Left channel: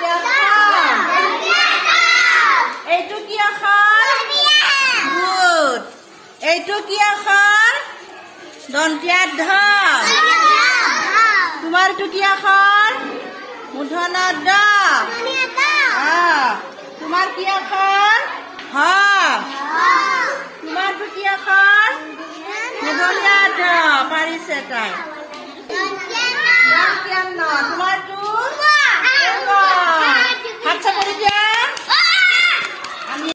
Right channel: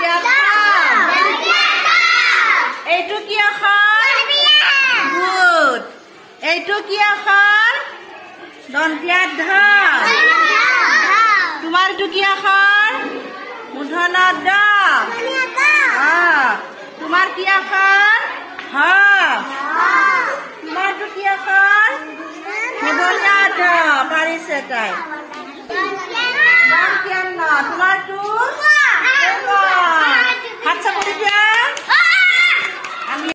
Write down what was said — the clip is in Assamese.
দন্তীয়া থাম এইটো কি আখৰ গুড এইটো কি আখৰ দন্তীয়া ধা তোমাৰটো কি আখৰ মূৰ্ধন্য দ তোমাৰ কি আখৰ হ তোমাৰটো কি আখৰ মূৰ্ধন্য দ পাৰিছে তাই